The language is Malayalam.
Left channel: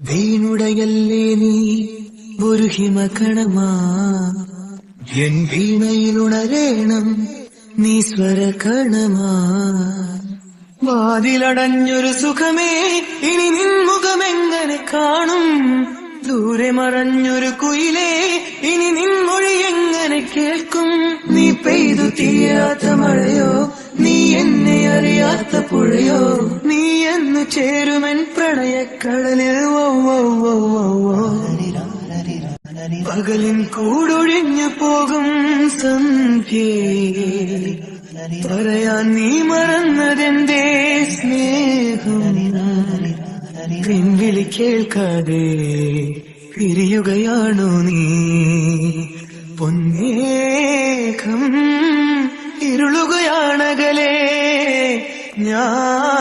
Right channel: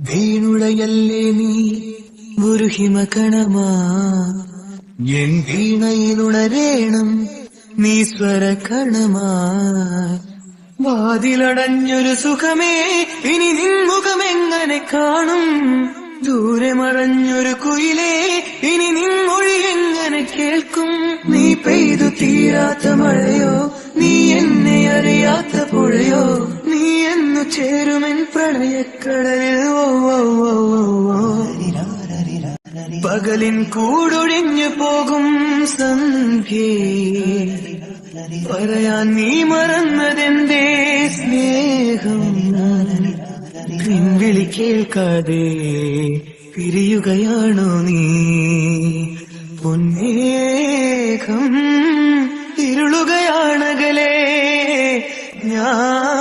വീണുടയല്ലേ നീ ഒരു ഹിമകണമാ എൻ വീണയിലുടരേണം നീ സ്വരകണമാ വാതിലടഞ്ഞൊരു സുഖമേ ഇനി നിൻ മുഖമെങ്ങനെ കാണും ദൂരെ മറഞ്ഞൊരു കുയിലേ ഇനി നിൻ മൊഴി എങ്ങനെ കേൾക്കും നീ പെയ്തു തീരാത്ത മഴയോ നീ എന്നെ അറിയാത്ത പുഴയോ നീ എന്ന് ചേരുമെൻ പ്രണയക്കടലോ പകലിൻ കൂടൊഴിഞ്ഞു പോകും സന്ധ്യേ പറയാൻ നീ മറന്നതെന്തേ സ്നേഹം പിൻവിളി കേൾക്കാതെ പിരിയുകയാണോ നീ പൊന്നേകം ഇരുളുകയാണകലേ ഞാൻ